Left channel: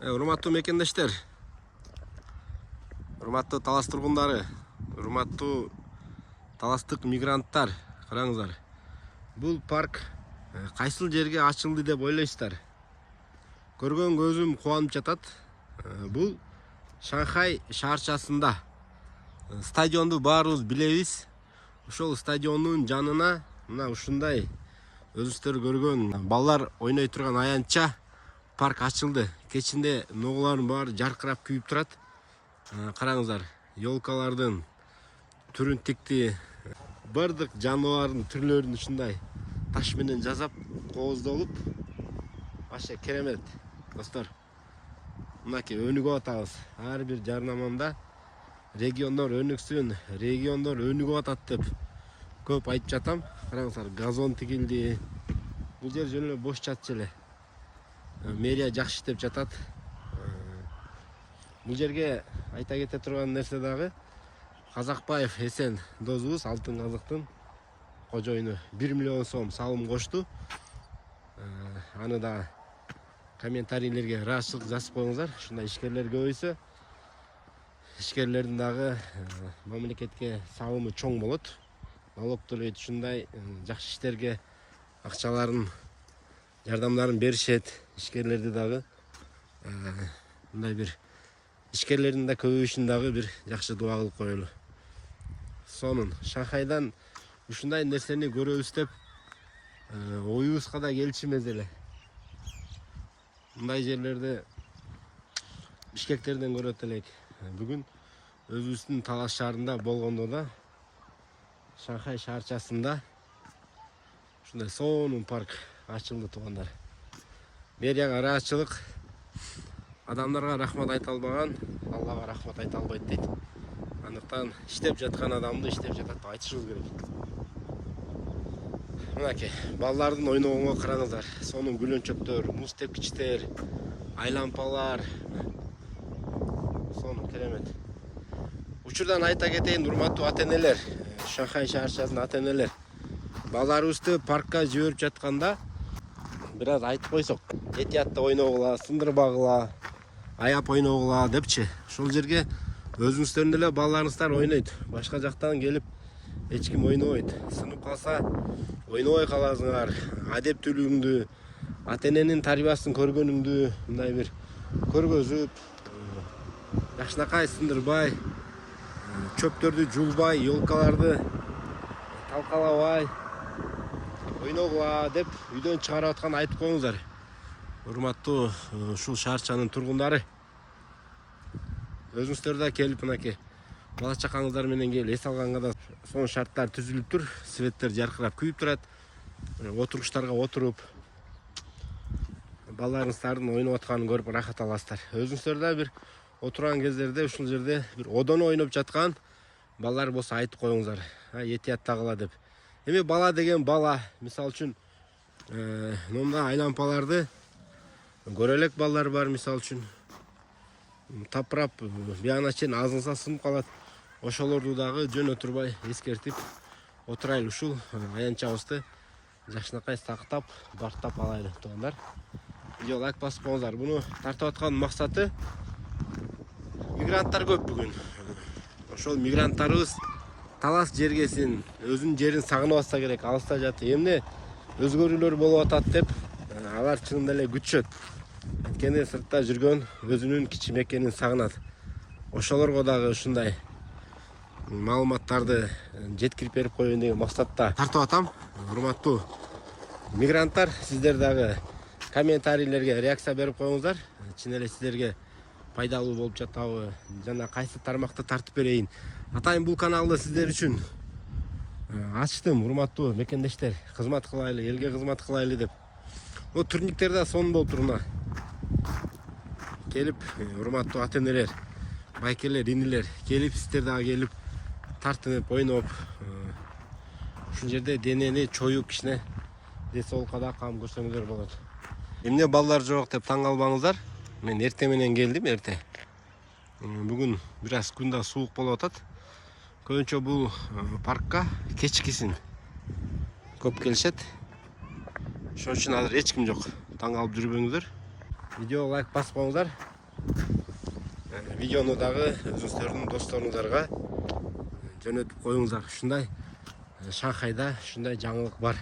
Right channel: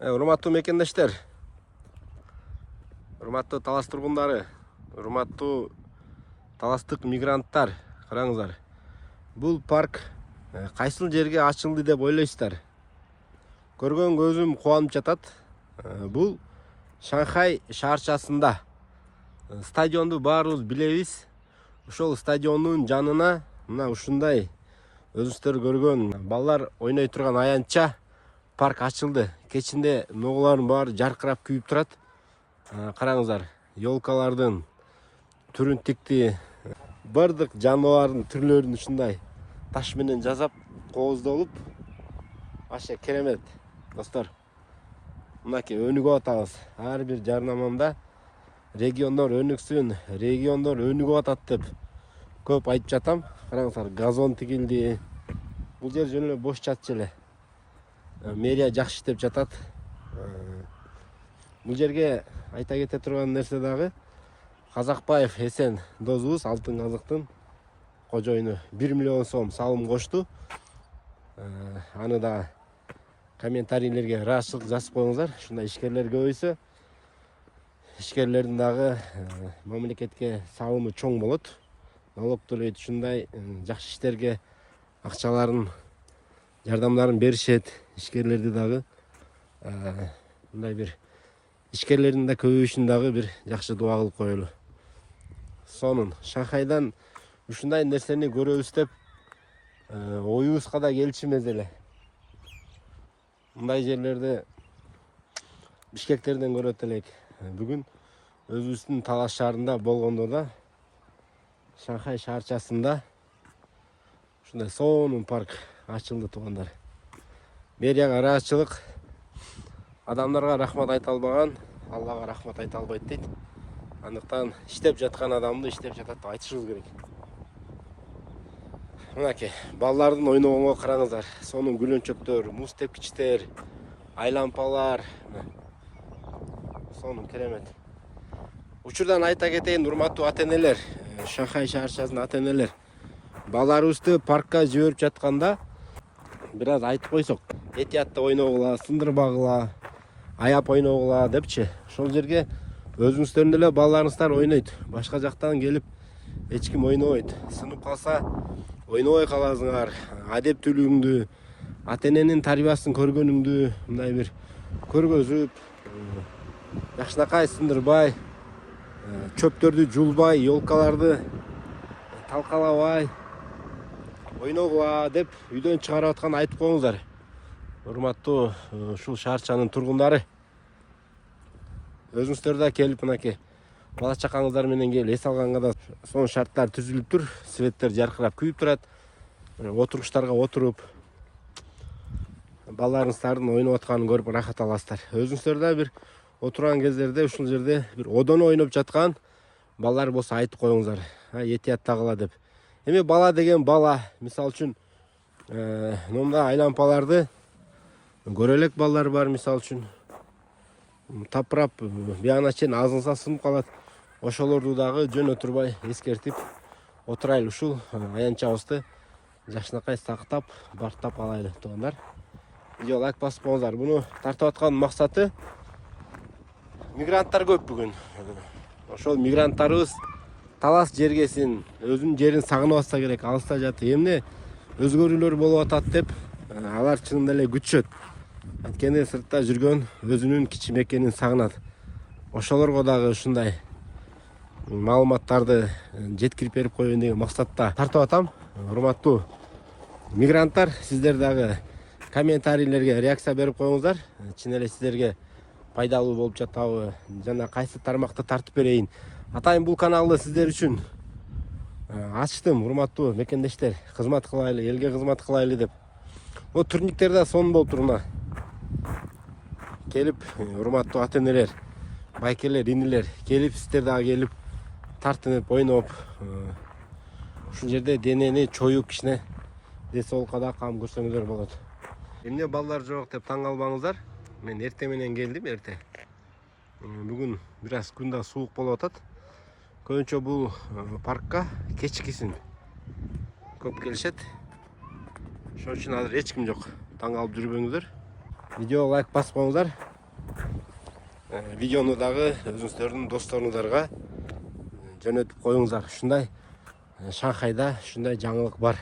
Урматтуу мекендештер, урматтуу талас тургундары, урматтуу таластык мигранттар, караңыздар. Бул парк кайсыл жерге ачылды деп ойлойсуздар? Көргөн көзүм кубанып жатат. Бул Шанхай шаарчасында. Стадионду баарыбыз билебиз. Ошол стадиондун жанына мына ушундай өзүңүздөр көргөн балдар ойной турган аянтча парк ачылды. Кечинде ногулардын баары жаркырап күйүп турат. Караңыздар, ёлкалардын түрүн тикти. Бардык жаныбардын түрлөрүн ушундай таш менен жасап кооздолуп, аша керемет достор. Мынакей өнүгүп атабыз. Ар бир жарнамамда региондор өнүксүн, региондор өнүгүп атат деп көп айтып жатам. Караңыздар, газон тигилди. Бул жер жөн эле бош жатчу эле. Мэрия жакшы иштеп жатат. Бул жерге айта кете турган нерсе дагы, Казакбаев Эсен досубуз Алтын казыктын кожоюну 1 миллион сом салым кошту. Аны да комментарийлерге ыраазычылык жазып коюңуздар. Ушундай ишкерлер көбөйсө, ишкерлердин дагы мамлекетке салымы чоң болот. Налог төлөйт, ушундай жакшы иштерге акчаларын, жардамдарын беришет. Ишкерлерди дагы мындай бир ишкерлердин да көбөйүшүн дагы бир жакшы дуа кылып коелу. Сонун Шанхайдан ушундай нерсени көрөбүз деп оюбузга да келчү эмес эле. Мындай жерлерди Бишкектерден көрөт элек. Бүгүн өзүбүздүн Талас шаарында болгондо да Шанхай шаарчасында ушундай сонун парк ачылды туугандар. Мэрияга ыраазычылык, адамдарга рахмат айта албаган Аллага рахмат айта албайт дейт. Андыктан иштеп жаткан адамды иштеп жатат деп айтышыбыз керек. Мынакей балдардын ойногонго караңыздар. Сонун гүлөнчөктөр, муз тепкичтер, айлампалар. Сонун керемет. Учурдан айта кетейин, урматтуу ата-энелер, Шанхай шаарчасынын ата-энелер, балдарыбызды паркка жиберип жатканда бир аз айтып койсок, этиятта ойногула, сындырбагыла, аяп ойногула депчи. Ошол жерге өзүңүздөрдүн эле балдарыңыздар ойнойт. Башка жактан келип эч ким ойнобойт. Сынып калса ойнобой каласыңар. Адептүүлүгүңдү, ата-эненин тарбиясын көргөнүңдү мындай бир көргөзүп, жакшынакай сындырбай, чөптөрдү жулбай, ёлкаларды талкалабай ойногула деп үйдөн чыгарып аткан айтып коюңуздар. Урматтуу ушул шаарчанын тургундары, өзүңүздөр да келип мынакей бала чакаңыздар менен келип эс алганга да сонун шарттар түзүлүп тур. Светтер жаркырап күйүп турат. Отургучтарга отуруп балдарыңыздардын ойноп атканын көрүп рахат аласыздар. Өзүңүздөр да бир отурган кездерде ушул жерде бир одоно ойноп жаткан балдар болсо айтып коюңуздар. Этияттагыла деп. Эми бала деген бала, мисалы үчүн момундай айлампаларды көрө элек балдар бар, мисалы үчүн тапырап биягына чейин азылса сынып калат. Ошолорду дагы жөн отурбай эскертип отурайлы, ушул аянтчабызды жакшынакай сактап, бактап алайлы туугандар. Видео лайк басып коюңуздар. Буну тартып аткан максаты, мигранттар көп бүгүн. Ошол мигранттарыбыз талас жергесин, өзүнүн жерин сагынып атса керек, алыста жатып, эмне өзгөрүүлөр болуп атат деп алар чынында эле күтүшөт. Анткени сыртта жүргөн өзүнүн кичи мекенин сагынат. Ошолорго дагы ушундай маалыматтарды жеткирип берип коеюн деген максатта тартып атам. Урматтуу мигранттар, сиздер дагы комментарийлерге реакция берип коюңуздар. Чын эле сиздерге пайдалуу болуп жатабы, жана кайсы тармакты тартып берейин. Атайын, бул каналды сиздер үчүн ачтым, урматтуу мекендештер. Кызмат кылайлы, элге кызмат кылайлы деп. О турниктер да сонун болуп туруна. Келип, урматтуу ата-энелер, байкелер, инилер, келип сиздер дагы келип тартынып, ойноп, ушул жерде денени чоюп, кичине ден соолукка да кам көрсөңүздөр болот. Эмне балдар жок деп таң калбаңыздар. Мен эрте менен келдим, эрте. Бүгүн бир аз күн да суук болуп атат. Көбүнчө бул паркка кечкисин көп келишет. Ошон үчүн азыр эч ким жок. Таң калып жүрбөңүздөр. Видео лайк басып коюңуздар. Видеону дагы өзүңүздөрдүн досторуңуздарга жөнөтүп коюңуздар. Ушундай Шанхайда ушундай жаңылык бар.